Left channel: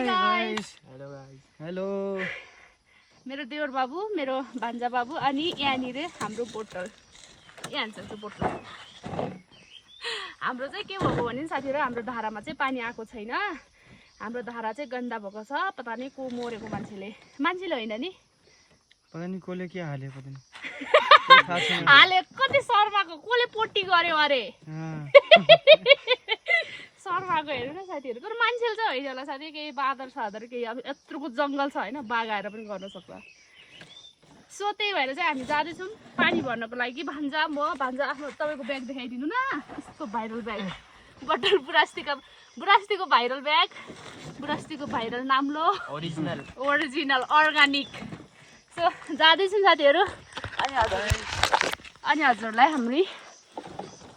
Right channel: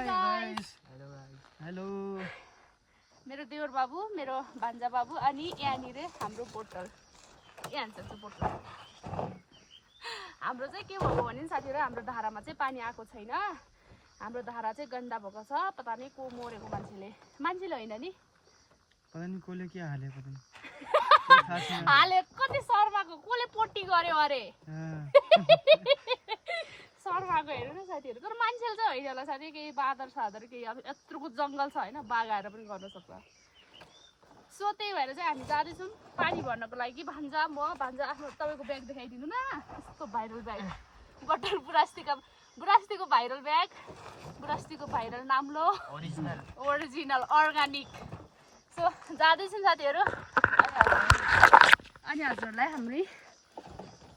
Hello मेरो देवर बाबु मेरो भान्जा बाबु अनि यहाँनिर हाम्रो बोतल यहाँ छ बोतल हाम्रो चाहिँ के भएको भने साथीहरु हाम्रो धारामा चाहिँ पानी आएको छैन हाम्रो धारा चाहिँ गन्दा भएको छ पता नै को मरेको मान्छेले हैन नि पता नि कोले के हाल्यो पता नि हाले कति शर्माको कोले पोटी गर्यो अरे शर्माको हेर्नु न साथीहरु तर मान्छेले चाहिँ होइन होला साथी केही बादर सादर केही अब यत्रोको जंगल छ हैन बाघ आएर पनि गर्न सक्छ सो त्यही भएर चाहिँ हामी जाँदै छौं पानी भर्नको लागि भान्जा म भान्जा आफ्नो तपाईको ब्याग देखाइदिनु न यस्तो भाइरल ब्याग बटल बुरास्तीको भाइरल ब्याग बुरास्तीको भाइरल नाम्लो ओरिजिनल अर्गानिक सो जाँदै छौं साथीहरु अनि हजुरलाई हामी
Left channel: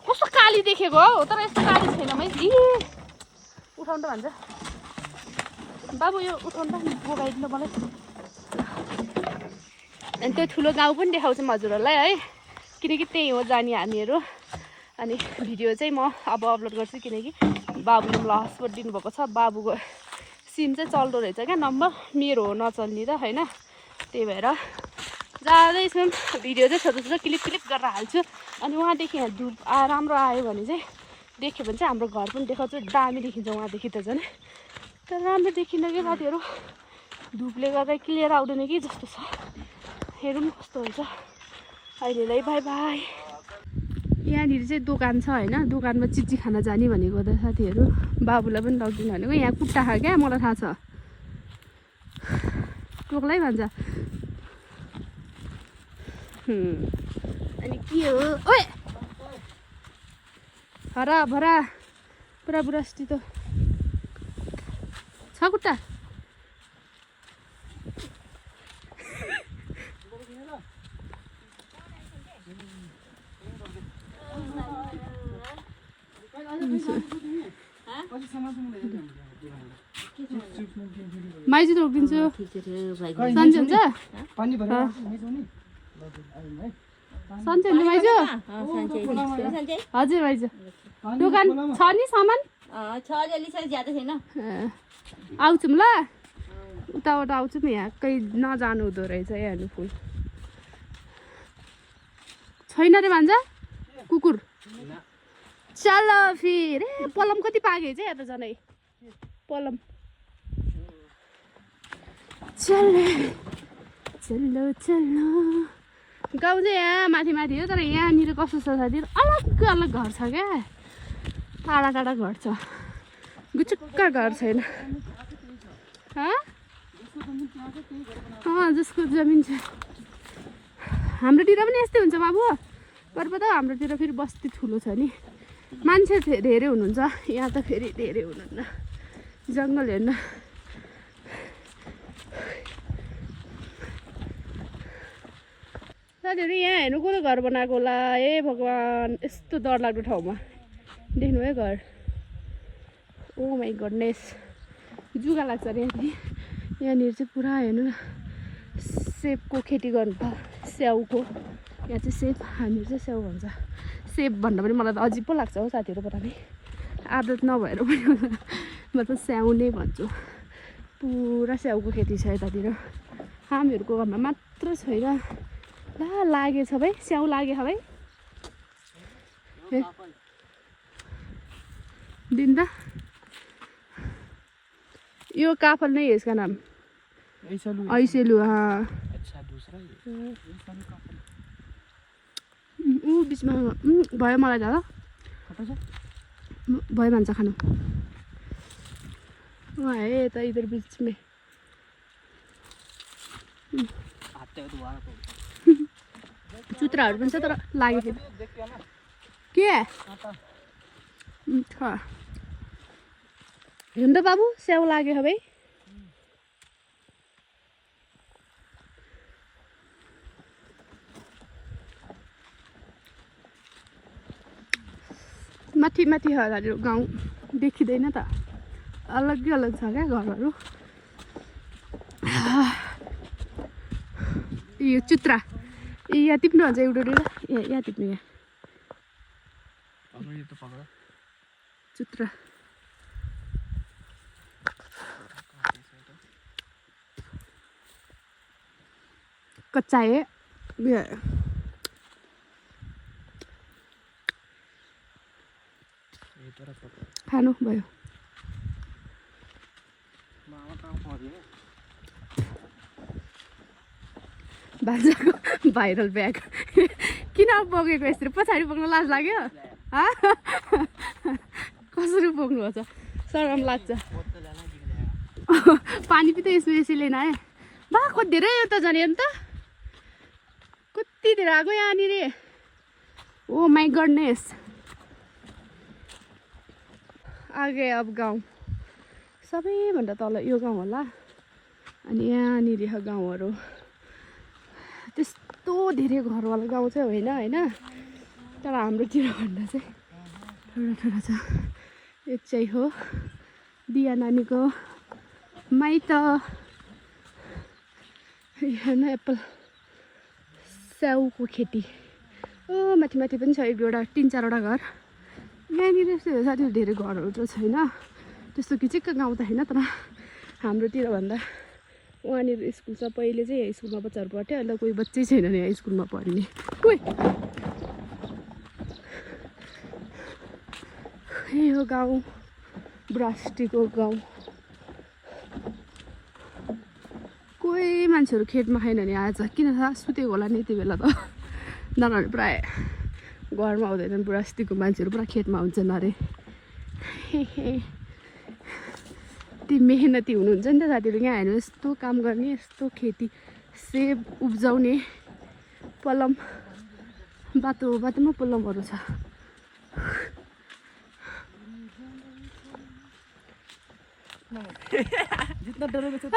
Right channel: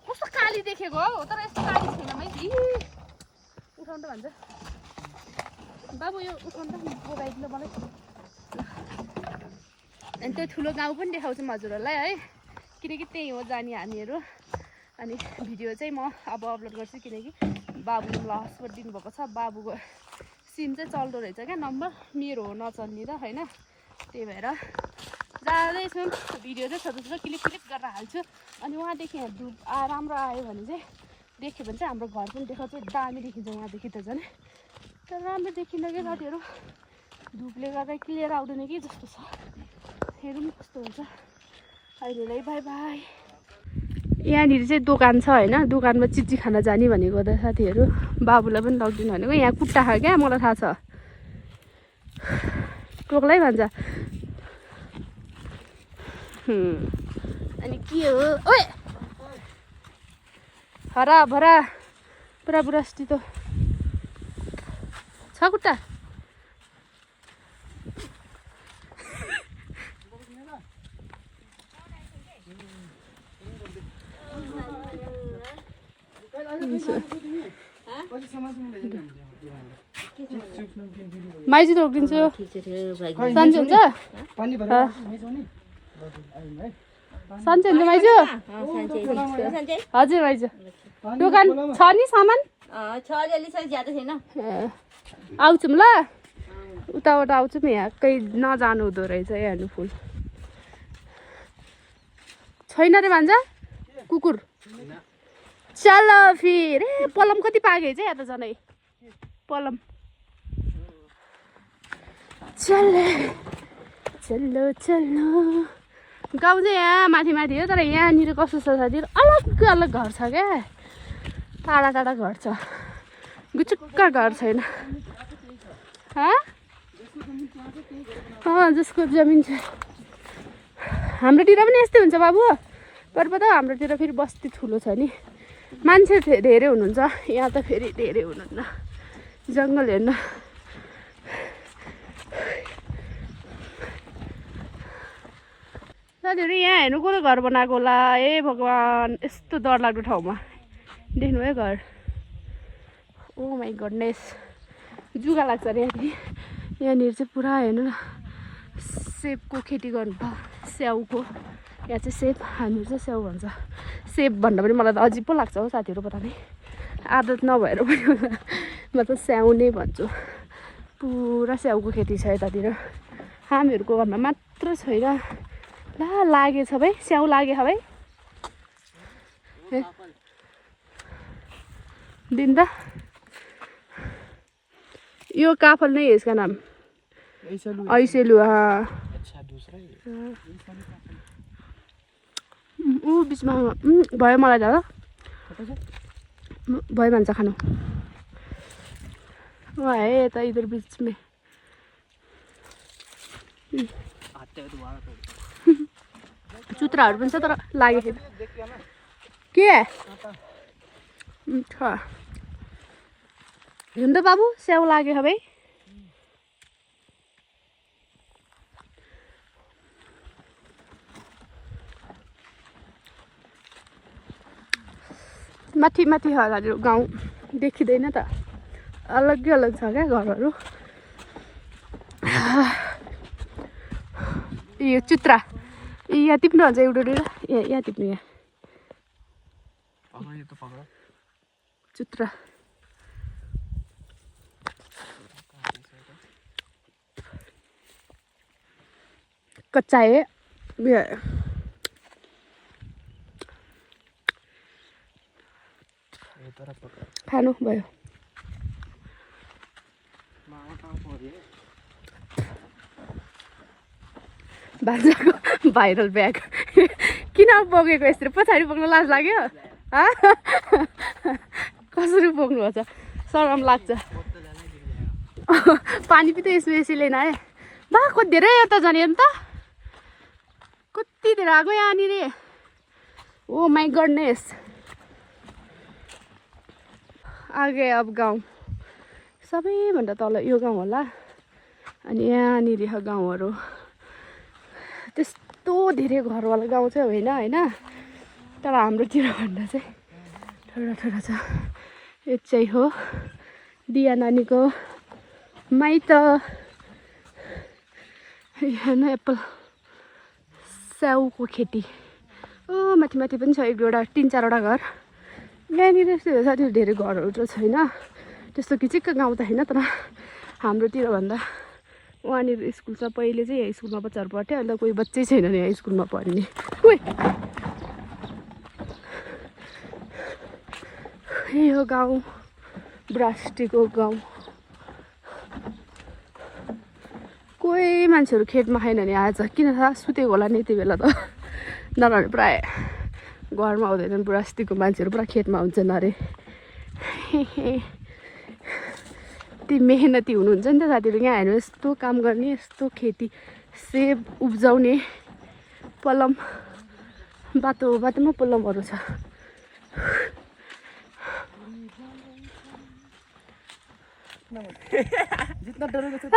कस्तो काली देखेको हो तर यस्तो काली छैन मैले उठाउन त भन्छ बाबु यो उठाउन त मोबाइल मलाई अनि त्यो ठुलो गाउँ पनि देखाउँछौँ हजुरहरूलाई है किनकि त्यही हो जाने हामीहरू अनि भिडियो चाहिँ म अब अपलोड गर्छु किनकि बाबुले मलाई हस्पट दिनुभएको छ बाबुको सिम चाहिँ चल्दो रहेछ क्या नम्बर मेरो हो नचल्ने त होइन त्यही भएर जाँदैछौँ भिडियो चाहिँ छोटो छोटो क्लिप गरेर हाल्छु अनि उहाँदेखि यहाँ धुप राम्रो आयो भने चाहिँ देख्यो भने चाहिँ हाम्रो घर पनि देखाउँछु दामी देखिन्छ उहाँदेखि त झन् तर राम्रो देखिन्न क्या साथीहरू धुपले गर्दा क्लियर आउँदैन कि जस्तो छ हेरौँ कस्तो हुन्छ अहिलेलाई बाई बाई यहाँनिर चाहिँ दोकान छ होइन दोकानमा चिची खाना जाने भनेको त साथीहरू बाबुलाई पनि लगिदिनु भनेको यहाँ कुट्टा खा क्या मलाई थाहा छ टोक्लै भन्छ अनि के हो ओए हरा भरा पुरा बुढास्ती त छ कुट्टा माइजी त रोकिदिन्छु सन्चै हुन्छ सन्चै हुन्छ माइजू हजुर माइजू दोकान छ नि सामान आउँछौँ ल उताबाट आउँछौँ यहाँ कहीँ नजानु हुँदो रहेछ हेर्नु फुल छैन रे भान्जा कुकुर चल फिर पलम कति पागे चाहिँ यहाँ त झनै पलम चलो चलो चलो गाउँ चाहिँ यहाँ माथि माथि हो तर यहाँनिर कस्तो छ साथीहरू अलग अलग घर छ क्या टाढा टाढा घर छ गुचुक्क घर छैन जसको जमिन छ हाम्रोतिर पनि यस्तै हुन्छ बाबु तर पो त हाम्रोतिर फेरि बस्ती ठुलो छ नि मान्छे धेरै हुनुहुन्छ यहाँ त फेरि धेरै हुनुहुन्न जङ्गल हेर्न साथीहरू यहाँ हेर्नु को घर बनाएको होला ए भगवान् यस्तो डरलाग्दो ठाउँमा देख्नु है घर ओ माई गुडनेस जुगा लाग्छ अरे यहाँनिर चाहिँ पुरा हेर्नु न सेपको खेती गर्नु त स्याउको यहाँ चाहिँ सेप हामीहरू चाहिँ स्याउ भन्छ सेप भन्दा पनि मलाई त अजिब पो लाग्छ हौ साथीहरू पता नै आदत नभएर पनि म त स्याउ नै भन्छु पुरा स्याउको खेती छ यतातिर हामीहरूको घरमा मात्र छैन ला लागेछ भाइ स्याउ लागे भाइ दिन त यो काफल नहीं है इसका नाम ऐसेलु हाँ अच्छा दूसरा ही बिचमा भयो मलाई दादा भयो भन्छ खानु है यता इधर बीच में चुत्राहरू पनि छ तर लागेको के हिँड्दो बाबु स्याउ लाग्यो भाइ माथि माथि हजुर गाउँ देखिँदैन त अलग्गै अलग छ क्या घरहरू यो चुत्रा यहाँ टिप्नु हुन्छ एउटा यहाँ टिप्नु यहाँ चुत्रा कच्चा है खानु भयो भान्जाको भाइरल ब्याग किन बोकेको यसरी पछाडि बोक्न लाज लाग्यो कसरी बोक्नुहुन्छ सरम लाग्छ पानी पनि त यसो यसैले न है बा कति धेरै यता जाने अन्त कति धेरै आएको यहाँनिर ओ माई गडनेस आगे अब गाउँ सबैभन्दा तल यो गाउँ होला अनि यहाँनिर गाउँहरू त्यस्तो धेरै घरवाला गाउँ चाहिँ होइन होइन तर हाम्रोतिर भन्दा चाहिँ थोडा थोडा छ यो चाहिँ हो दिया नानीको माइत हेर्नु एप्पल स्याउको खेती माथि माथि पनि छ एक दुईवटा 3-4वटा घर यहाँनिर यस्तो साथीहरू धेरै घरहरू त छैन त्यस्तो किचिक्क गाउँ त होइन तर हाम्रोतिर भन्दा वहाँनिर स्कुल छ पहिले चाहिँ यहाँ स्कुलमा बच्चाहरू पढ्थ्यो अन्त कोही बच्चै छैन नि यहाँ स्कुलमा पढ्ने यही हो गाउँ ब्रास्टीको गाउँ कोही मान्छेहरू खेतमा खाएन नि आज किन थाहा सुतेको होला नि यति बेला त नभए प्राय घरमा आउँदैनन् ब्रास्टीको मान्छेहरू पुरा खेतमा हुन्छन् अरे ती मेहनती हुनुहुन्छ नि त साथीहरू यहाँ हेर्नु यस्तो काम गर्ने यस्तो खेती सेब उब्जाउने पलम बाटो बाटोमा पलमहरू छ जितना डरोगे तो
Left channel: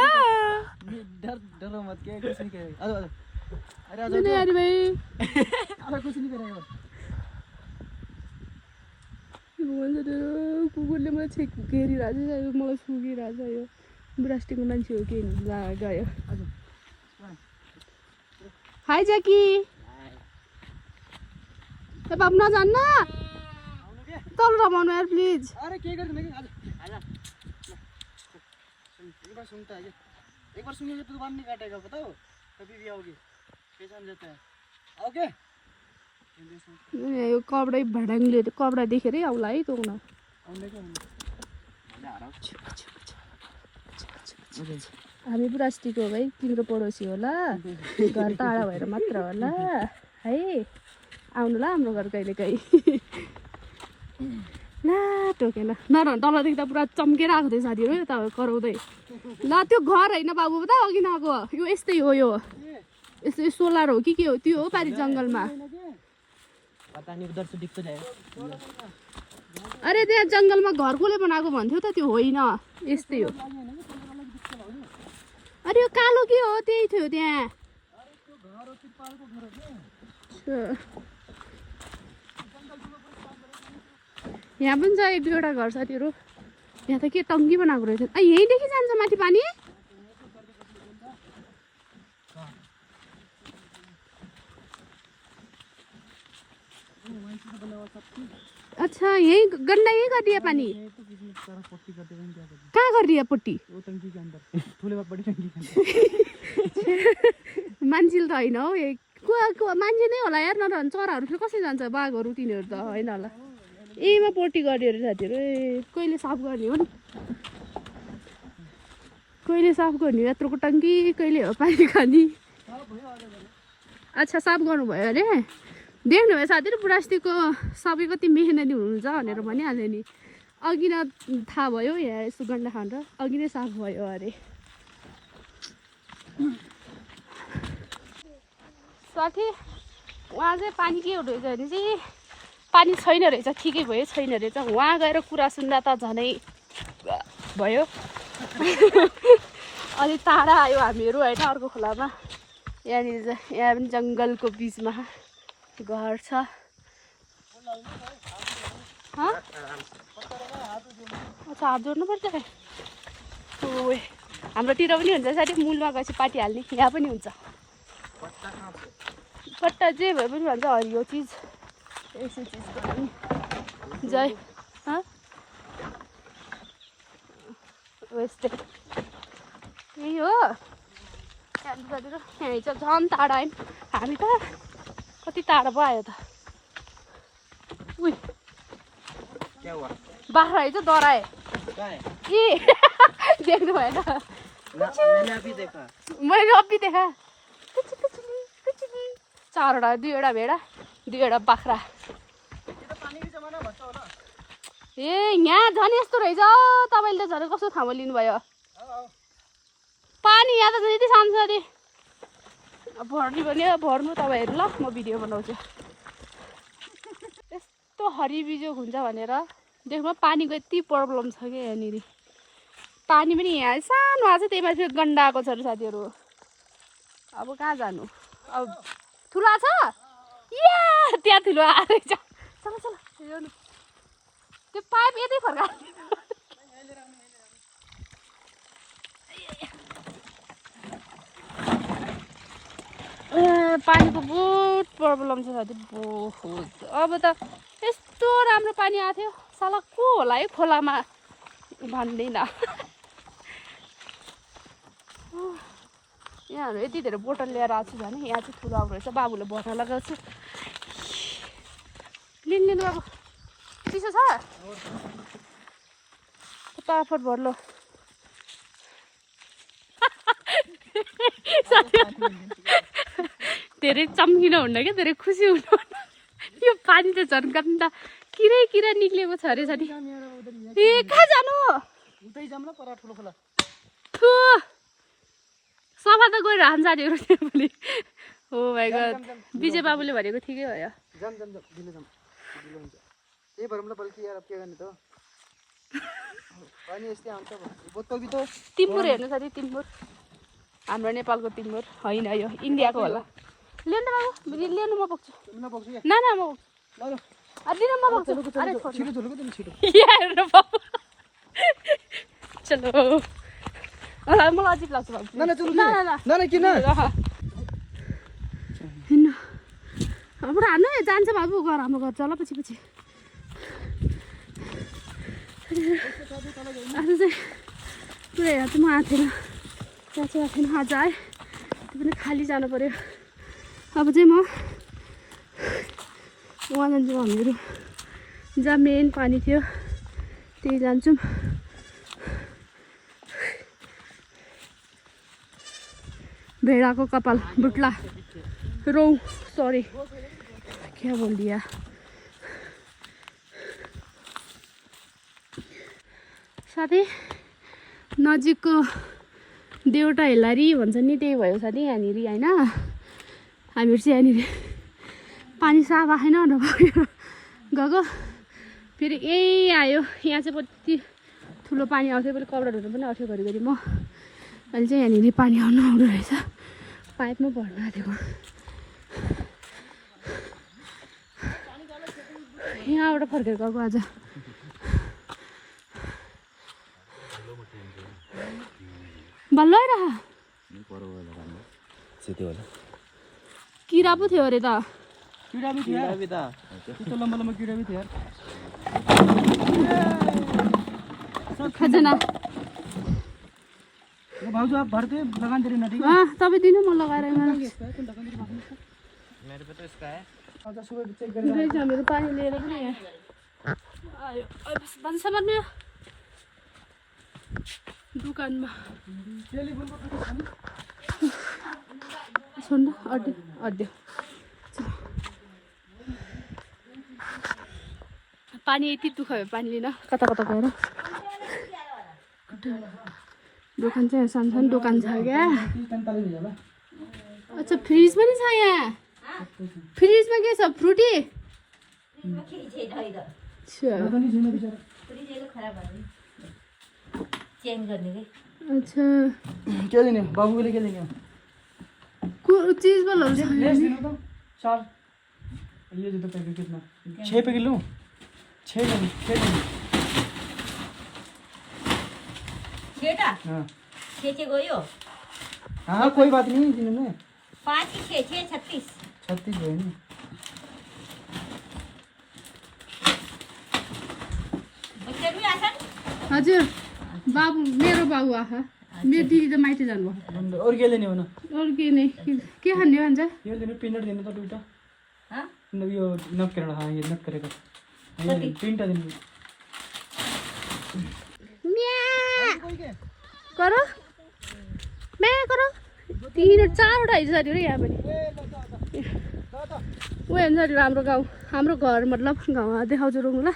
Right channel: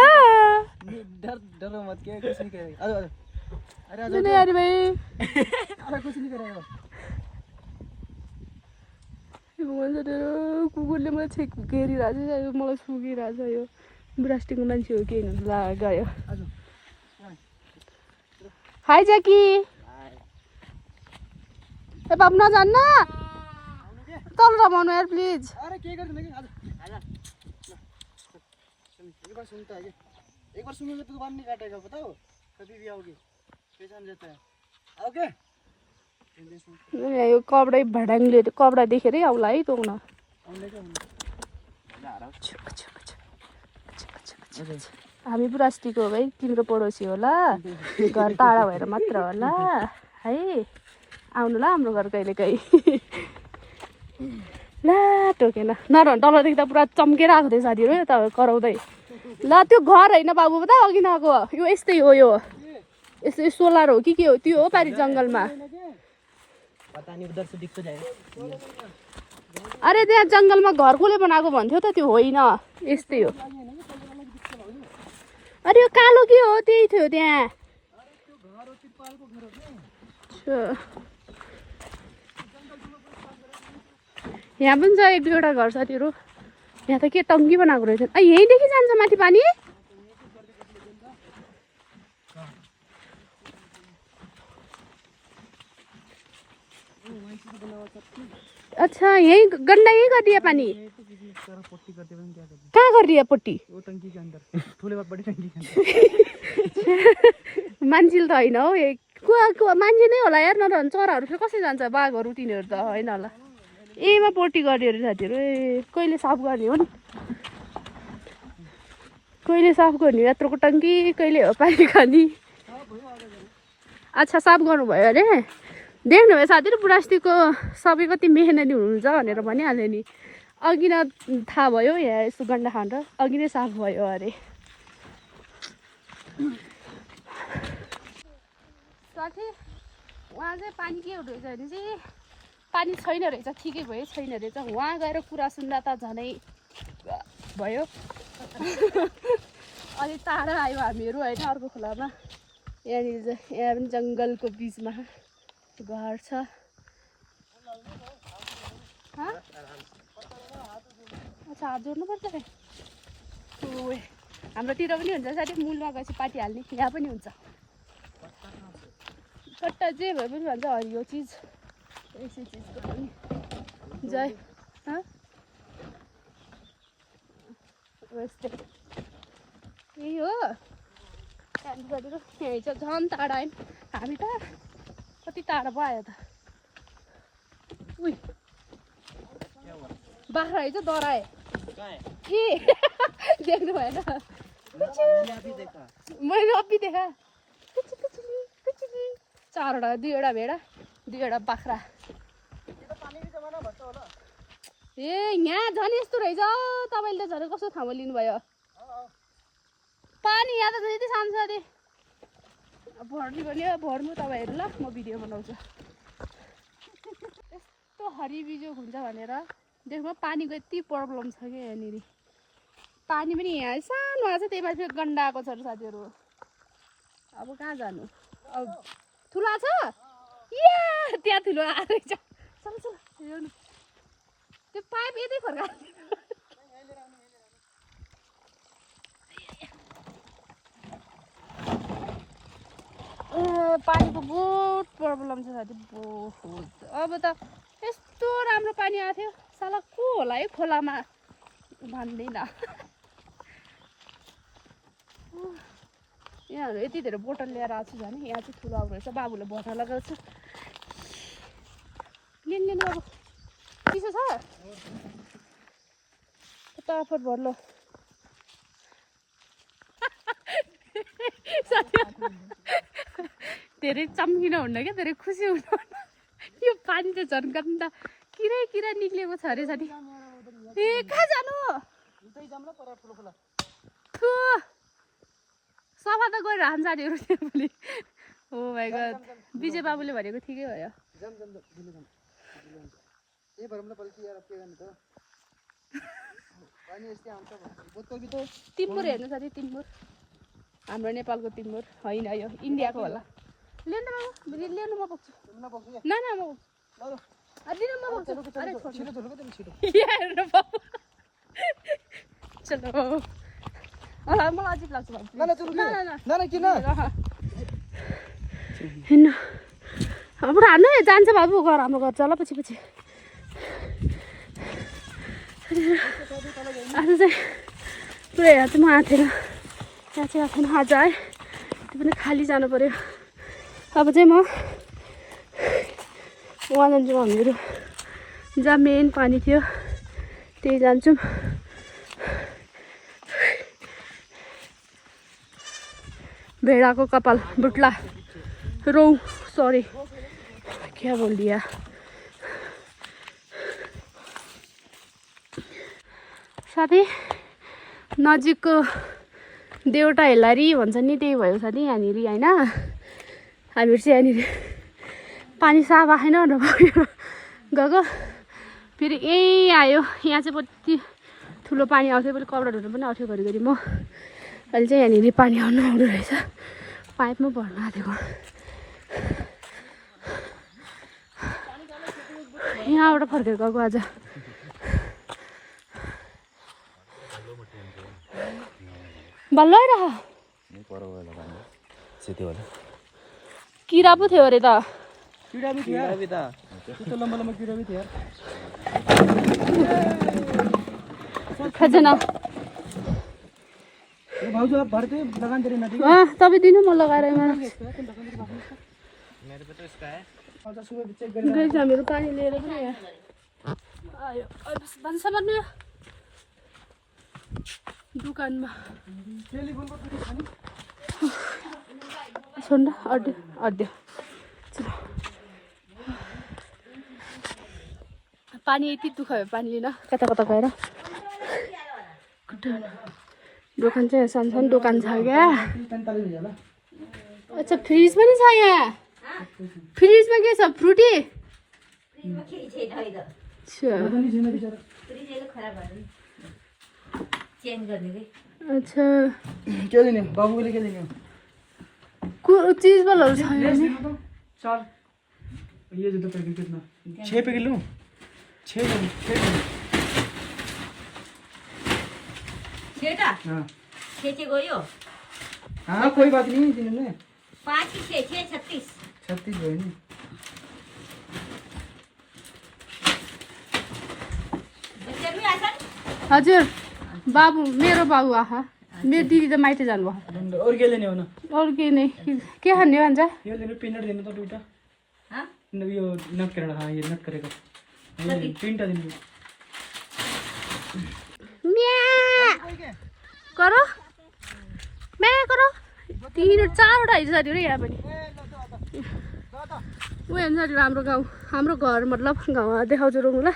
डरो मत क्या कुछ नहीं करेगा अरे नहीं यार भाई अरे कुछ नहीं करेगा कुकुरले मलाई छेक घेरिरहेको छ यो मलाई सुगिरहेको छ यो ब्रास्टीको मान्छे हो के ला गयो हाई ज्याकी ए बाबु नजान्न तल रमाउनु यार प्लिज अरे के गर्दैन कि एक बार सुनता है एक बार सुनेंगे तो बात नहीं काटेगा बताओ कभी भी आओगे पहचान लेता है आओगे यो कपडा भडाङले कपडा देखेरै आउला है तँउन हामी ब्रास्टीको हो भाइ तिम्रो पडोसी होला घर टाढा भएर मात्र होला है आउनु ल हाम्रो घर कहिले काहीँ ला टोकेन नरहनु तलदेखि त पुरा चम्केर आएको थियो साथीहरू यता कराउँदै ल त्यो घर होइन बाबु त अघि नआएको यो यस्तै हो यो यस्तो सोलर हो कि के हो त्यो हो पारि जङ्गलमा अरे त्यहाँ जङ्गलमा घर कसले बनाएको भन्थ्यो त त्यो होइन यस्तै हो अरे यो कालो के हो त्यही थियो त्यहाँ यहाँ पनि छ एक दुईवटा घर साथीहरू यहाँ त के टङ्की बनाएको रहेछ यहीँदेखि जान्छ माथि पानी अच्छा यही गन्दा यही गरिदिए पानी कहाँ गरिदिए पट्टी मान्छेले त होइन हौ मान्छे नै होला यार नरहनु चराहरू फेरि कसरी जान्छ बाघहरू तिनीहरू त होइन होला यहीमा पोटी गरिदियो अरे साथीहरू ए कहिले साफ गर्ने हो नि कहिले साफ गर्ने यत्रोको टङ्की कहिले हो पानी खाने अच्छा साफ गर्नुभयो अरे देख्नुभयो साथीहरू ब्रास्टीको सबै कति मेहनती हुनुहुन्छ भनेर भनिहाल्यो नि अघि न थाहा भयो यहाँ यस्तो गन्डा खान्छ अघि नै साफ भयो अरे साथी उहाँ चाहिँ पानी के हुँदो रहेछ भने चाहिँ पानी छैन रहेछ ठिकै भयो छैन रहेछ उहाँ गएर कुरा सुन्दा त झनै भयो अनि टाढा आयो हामीहरू होइन अर्को खोलामा यहाँनिर यहाँ पनि जङ्गलको बिचमा घर छ अच्छा हात जोड्नुपर्छ ओए हाम्रोतिर पनि हुन्छ साथी मूलमा गएपछि पाटी हाल्ने यहाँ पनि हुन्छ पट्टा जे भए पनि भन्छ हरियो चिज यसो चिजको पनि जय यस्तै यही हो हामी चाहिँ झन् टाढा आयौँ हामी त कति टाढा पो आयो त उही क्या हुआ बाख्रा है चाहिँ डराए कहाँ है ए देख्नु भएन मैंने अभी देखा मैले अघि देखा चारवटा दुईवटा भेडा दुईवटा बाख्रा ये तो पानी की जमाना भन्छ होला ए यहाँ झन् यस्तो रहेछ तपाईँले त झन् कस्तो ठाउँमा लिनुभयो पानी यहाँ त यति सानो छ अरे भर्नु भने भर्नु तपाईँहरू ल म भिडियो बनाउँछु यस्तो हरिबिजोग हुन्छ भनेर देख्नु पानीको यति प्रब्लम छ क्या यहाँनिर पानी पनि यहाँ सानो आएको छ त्यही माथि गन्डा आएको छ अरे साथीहरू अब कहाँ जानु अब ठुलो आएको छ या त्यहाँ ठुलो आएको रहेछ चल चल त्यो पाइप यतै फर्का पानीको बहुत प्रब्लम छ साथी बहुत अब त यस्तो राम्रो पानी आएको थियो साला को होला है खोलामा भन्दैन यहाँ हामी यति धेरै बोतल लिएर आएको छु भने यहाँ चाहिँ ठुलो आउनु रहेछ बाबुले भर्न लगाउँछु लिनु बाबु चिसो छ फटाफट भर्लो धेरै चम्किन हुन्न क्या धेरै खुसी हुनु यो पानी चाहिँ झन् गन्दा किरै किरा निक्लेको छ अरे साथी ए कहाँ जानु उतै जाम ल पर ठुलो खोला थु सफा त गएर हान्छ साथीहरू त्यो भोलि हो भाइ गड विजय बाबुले भनेको ठिकै भयो जाम जाम जाम दिनु जाम ए भरमला बल्कि यार अब के गर्ने त पानी यस्तै आउँछ बोतल भी त तिम्बुर हेर्नु साथी तिम्बुर हाम्रो नेपालको तिम्बुर होइन यो इन्डियाको होला लिनु बाबु लिनु म बोक्छु तिमीलाई बोक्छु या न न म ल ल अदिन म बोक्छु अरे छिटो झुलुको तिमी छिटो हेर्नु बाबु चलो मलाई अजिब लाग्छ बाबु न न चलु न न न न किन हेर्नु अब हान्नु जान्छ बाबु घर हाम्रो घर चल पछि पछि आज चाहिँ पुरै यहाँ चाहिँ म आएको थिएन यहाँ चाहिँ आएको थिएन आज आएँ त्यो पनि खाली जानु पऱ्यो अब चाहिँ म उहाँ जान्छौँ हामीहरू जहाँ मेन पानी थियो त्यही जान्छौँ भेडाको कपाल बुट्ला रौँ सरी क्या बोल दिया साथी नजिकको देउटा हेलारी भन्छ नि त्यही भयो साथी यहाँनिर होइन हामीहरू चाहिँ यहाँनिर पानी साफ आएन गएको फेरि यहीँ आयो यहाँ चाहिँ कति ठुलो पानी आउँथ्यो फेरि कपडा धुनु पनि आउँथ्यो घरिघरि म अहिले चाहिँ यहाँनिर पानी आउनु रहेछ पाइपमा भर्नु आँटेको यहाँबाट फर्केर गएको आज बल्ल आइरह किरा पो थियो अरे त कीड़ा भी था तो लंबा लंबा कीड़ा भी था यार खजना ये भाउजू आप भरते लगान दे रहे ना ठीक है तपाईँ दिनु म लगाएर यहाँ मेरे पे तो इसका है और सुबह चेक गाइस हामीहरू पानी लिएर पनि यहाँ आयो भन्सामा नि दुकानमा सुन अड्यो अड्यो पानी यति दुःख भयो पानी लिन कता कता गएर दोकान चाहिँ सानो सानो दोकान छ क्या अच्छा फ्रिज पनि छ यहाँ फ्रिजमा के छ फ्रुटी अच्छा क्या देने बाबू के लिए क्या देने चीज वाला चार ये जो पैकेट कितना 6 पैकेट लूं 6 बेटा हाँ 6 गयो हाँ कोई बात नहीं जिन्होंने 5 6 36 36 गए नहीं बच्चा भी आसन हजुर बाबु मेरो बाबु आहा मेरो दिदी त माइती जानुभयो और के लेने हो ना अरू केही नै के खाने भन्छ यो लेनु पिनट दिनु त दुईटा हाँ? यो नट गरेर यो नट गरेको तीनटा दिनु करो म्या करो 3-4वटा हिजो छ अरे यहाँ पनि ऊ हेर्नु अरे हाम्रो गाउँ हाम्रो घर मतलब गाउँ देखाउँछु रोक्नु ल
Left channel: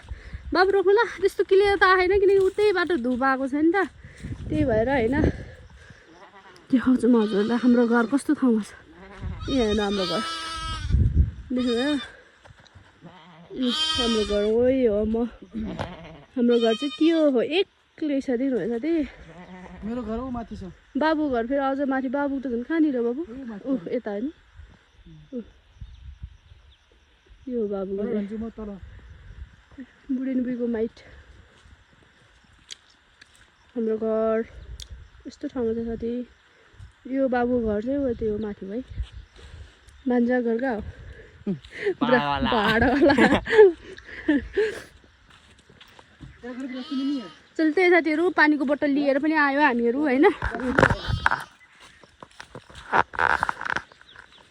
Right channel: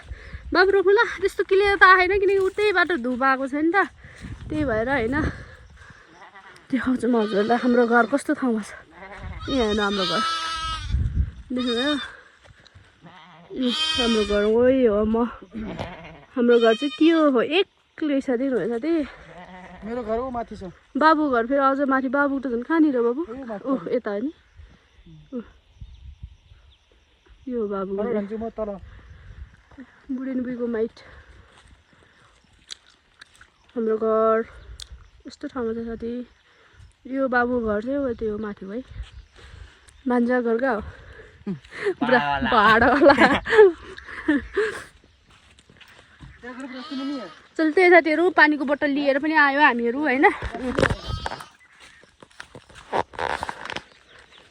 बाबु रोक्नु ल त्यस्तो क्लियर त आएन किनकि उतै बाटो धुप आएको छ नि त त्यही भएर होइन देखाउँछु म हजुरलाई हाम्रो घर कस्तो ठाउँमा छ यहाँ हेर्नु हाम्रो घर देख्नुभयो हाम्रो घर वही हो म हाम्रो घर चाहिँ के हो एक्लै छ दिनु भयो साथी मेरो घर ऊ माथि छ बाबु घर फेरि अझ माथि बाबु त झन् कहाँनिर बाबु ओह यता होइन यो बाबु तल भन्छु म तल बुढेनबुढीको माइट हाम्रो घर यस्तो ठाउँमा छ साथी यो बाबु घर चाहिँ हो त्यो माथि है भान्जा घर कहाँ हो भाडावाला चल त्यही साथीहरू पानीको बोतल लिएर पनि आयो हामीहरू होइन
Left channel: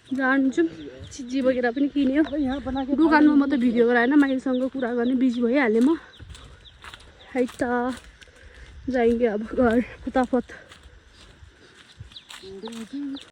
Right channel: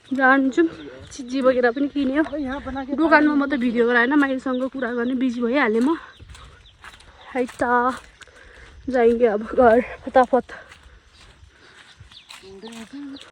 जान्छौँ चिजी वगेरा पनि किन्यो दोकानमा म त भिडियो गराएन माइसँग कुरा गर्ने बिजी भइहालेँ म है त जाएंगे अब घर फटाफट